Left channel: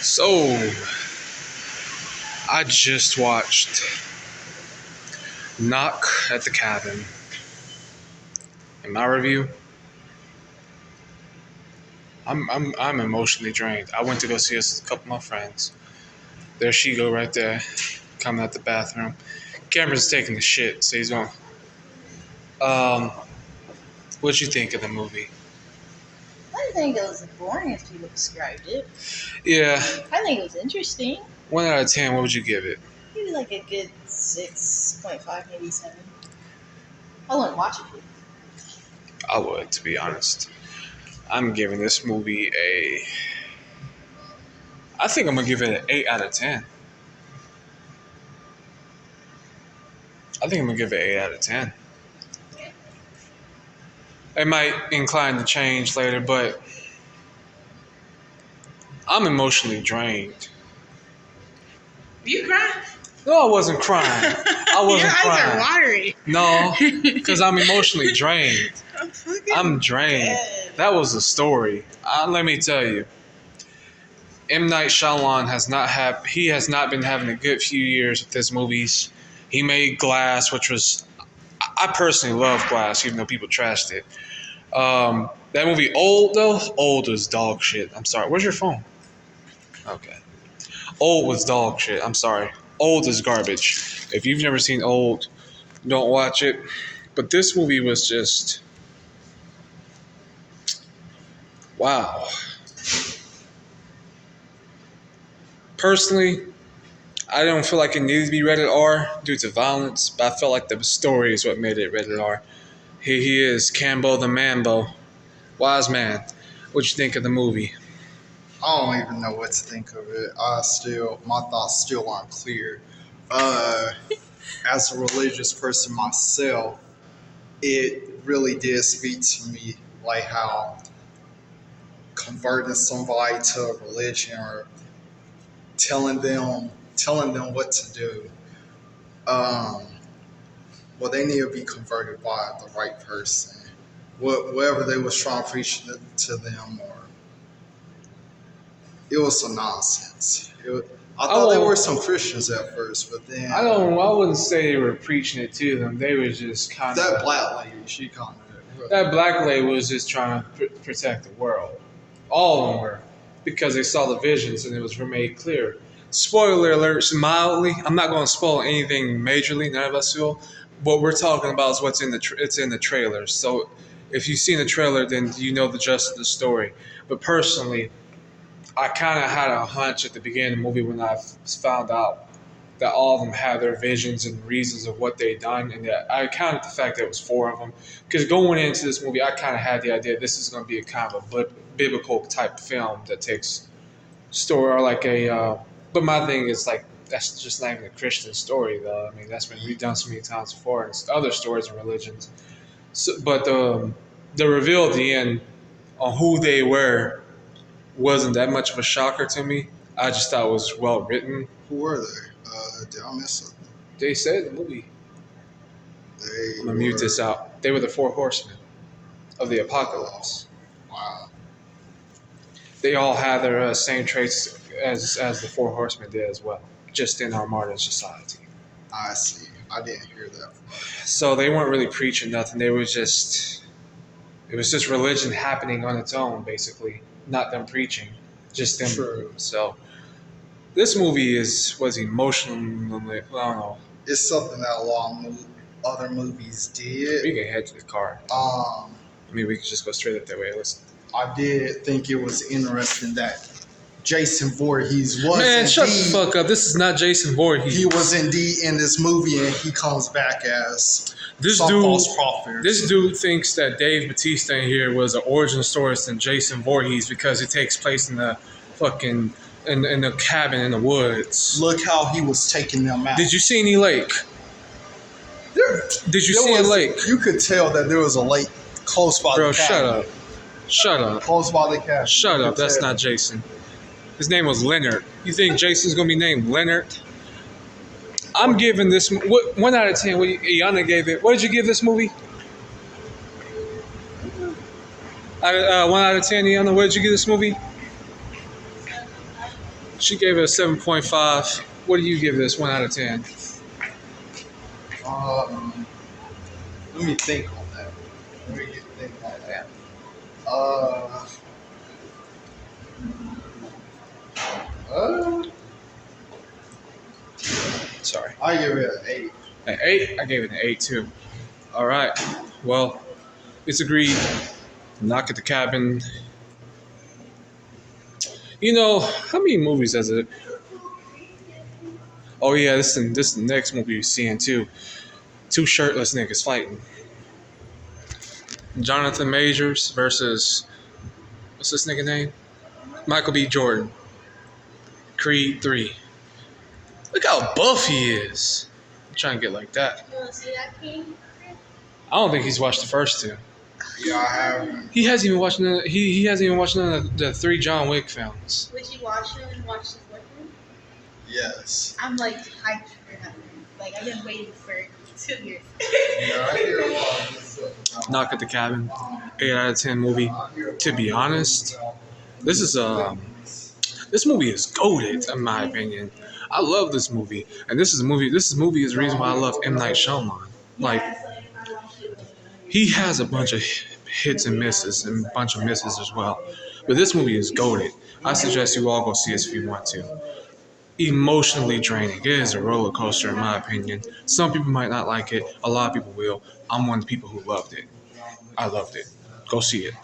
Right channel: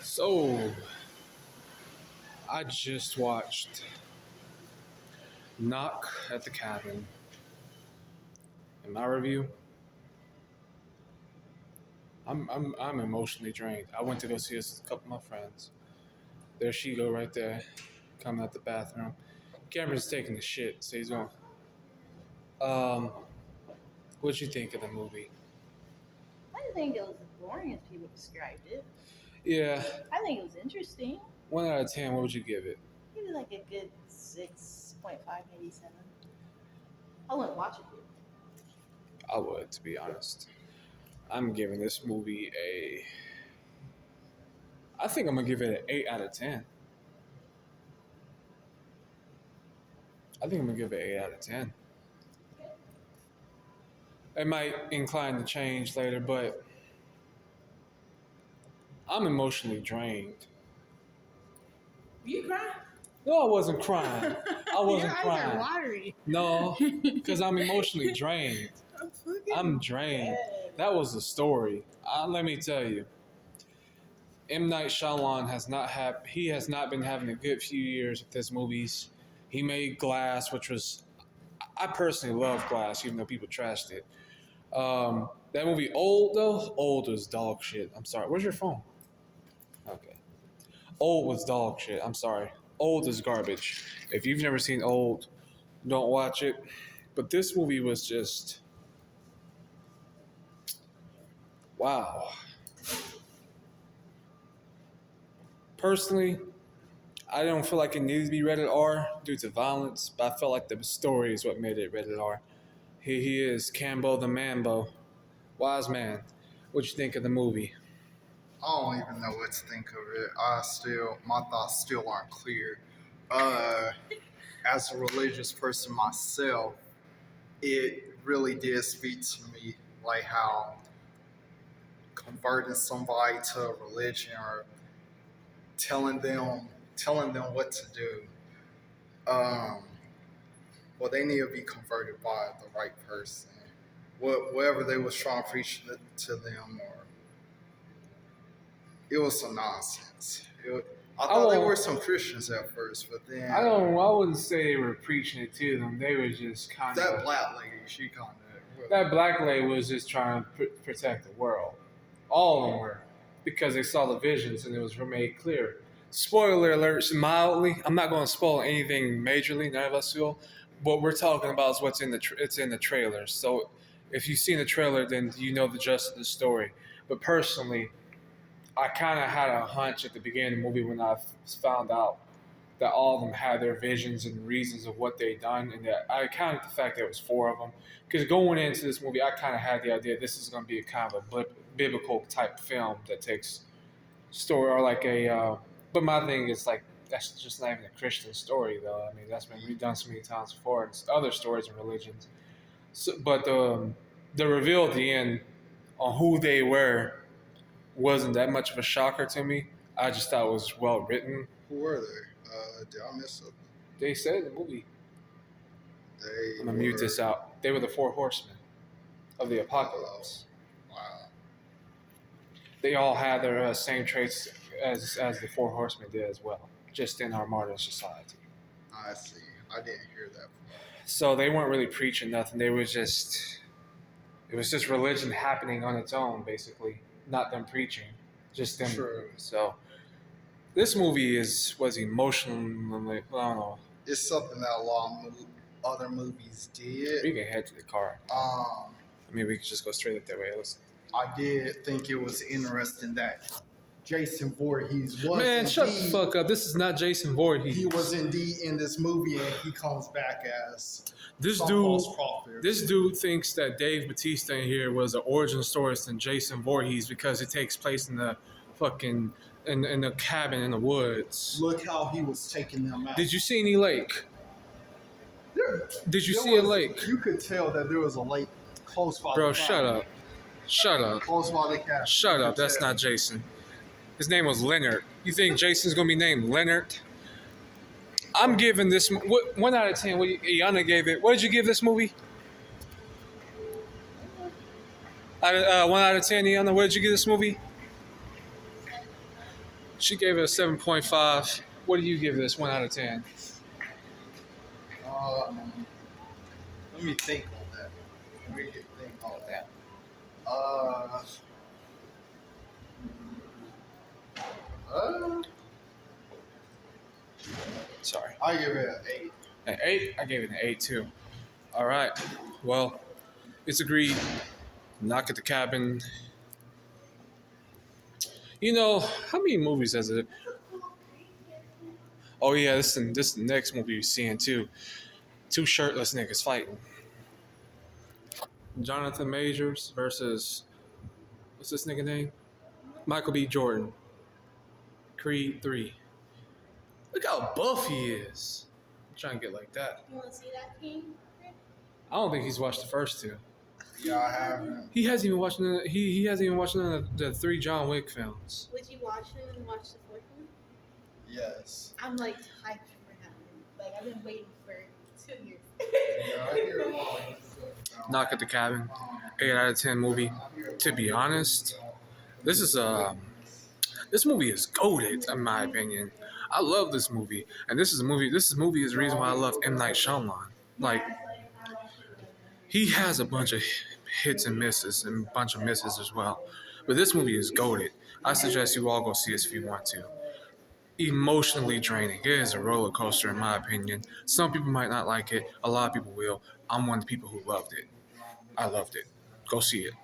So, I just watched Knock at the Cabin. In my review, I'm emotionally drained. I went to go see this with a couple of my friends. There she go right there, coming out the bathroom. Cameron's taking the shit, so he's going. Um, what'd you think of the movie? I didn't think it was boring as people described it. Yeah, I think it was interesting. 1 out of 10. What would you give it? Maybe like a good 6.5, maybe 7. I wouldn't watch it. I would, to be honest. I'm giving this movie a. I think I'm gonna give it an 8 out of 10. I think I'm gonna give it 8 out of 10. It might incline to change later, but I'm emotionally drained. You crying? No, I wasn't crying. I wasn't Your eyes crying. are watery. No, because I'm emotionally drained. I'm drained. dead. That was the story. Let me tell you, M. Night Shyamalan has not been having a good few years with his movies. He made Glass, which was, I personally love Glass, even though people trashed it. That movie Old though, Old was dog shit. I'm sorry. Where's your phone? Okay. Old was dog shit. I'm sorry. Old is garbage. If you've never seen Old, don't watch it. But this movie was just wow. Personally, I don't feel like it needed to be rated R due to violence, but I felt like the story is what made it rated R. He is Cambo the Mambo. Wise man. What you think of the movie? I don't even know what to think of it. My thoughts still aren't clear. As a religious person myself, it really did speak to me, like how converting somebody to a religion or telling them what to do. Well, they need to be converted by the right person. Whatever they was trying to preach to them, or it was some nonsense. I thought there were some Christians at first, but then I wouldn't say they were preaching it to them. They were just kind of. that black lady, she kind of. That black lady was just trying to protect the world. All of them were. Because they saw the visions and it was made clear. Spoiler alerts, mildly. I'm not going to spoil anything majorly, none of us will. What we're talking about is what's in it's in the trailers. So if you've seen the trailer, then you know the gist of the story. But personally, I kind of had a hunch at the beginning of the movie when I found out that all of them had their visions and reasons of what they'd done, and that I counted the fact that it was 4 of them. Because going into this movie, I kind of had the idea this is going to be a kind of a biblical type film that takes story or like a. But my thing is like that's just not even a Christian story though. I mean that's been redone so many times before in other stories of religions. So, but the reveal at the end on who they were wasn't that much of a shocker to me. I just thought it was well written. Who were they? Did I miss something? They said in the movie. They I'm gonna mute this out. They were the 4 horsemen of the apocalypse. Wow. They all had their same traits as the 4 horsemen did as well, just in our modern society. I see. I didn't hear that. So they weren't really preaching nothing. They were just, it was just religion happening on its own, basically. Not them preaching, just them. True. So this movie was emotionally, I don't know. It's something that a lot of other movies We did. can head to the car. I mean, we could just go straight up that way. Listen. I did think it was interesting that Jason Voorhees was Man, indeed, shut the fuck up. This is not Jason Voorhees. he was indeed in this movie, and he comes back as some false prophet. This dude thinks that Dave Bautista in here was an origin story than Jason Voorhees because it takes place in the fucking in the cabin in the woods. Look how he was taking them out. Did you see any lake? Did you see a lake? You could tell that there was a lake close by Bro, the cabin. shut up. Shut up. Close by the cabin. Shut You up. could That's tell. not Jason. His name was Leonard. You think Jason's gonna be named Leonard? I'm giving this 1 out of 10. What Iana gave it. What did you give this movie? 1 out of 10, Iana. What did you give this movie? She gave it a 7.5. What do you give this 1 out of 10? Let me think on that. Uh, uh, Sorry. I give it an 8. An 8? I gave it an 8 too. All right. Well, it's agreed. Knock at the Cabin. You know, how many movies does it? Oh yeah, this is the next movie you're seeing too. 2 shirtless niggas fighting. Jonathan Majors versus what's this nigga name? Michael B. Jordan. Creed 3. Look how buff he is. I'm trying to get like that. You want to see that, King? I don't think he's watched the first 2. Yeah, I haven't. He hasn't even watched none. He hasn't even watched none of the 3 John Wick films. Would you watch it and watch the fourth one? Yes. I'm like hyped for that. Like I've been waiting for 2 years. Yeah, I hear a lot of good stuff. Knock at the Cabin. 8 out of 10 movie. To be honest, this movie is goated in my opinion. I love this movie, and this movie is the reason why I love M. Night Shyamalan. Like, he has a bunch of hits and misses, and a bunch of misses as well. But this movie is goated. I suggest you all go see it if you want to. Emotionally draining. It is a roller coaster in my opinion. Some people might not like it. A lot of people will. I'm one of the people who loved it. I loved it. Go see it.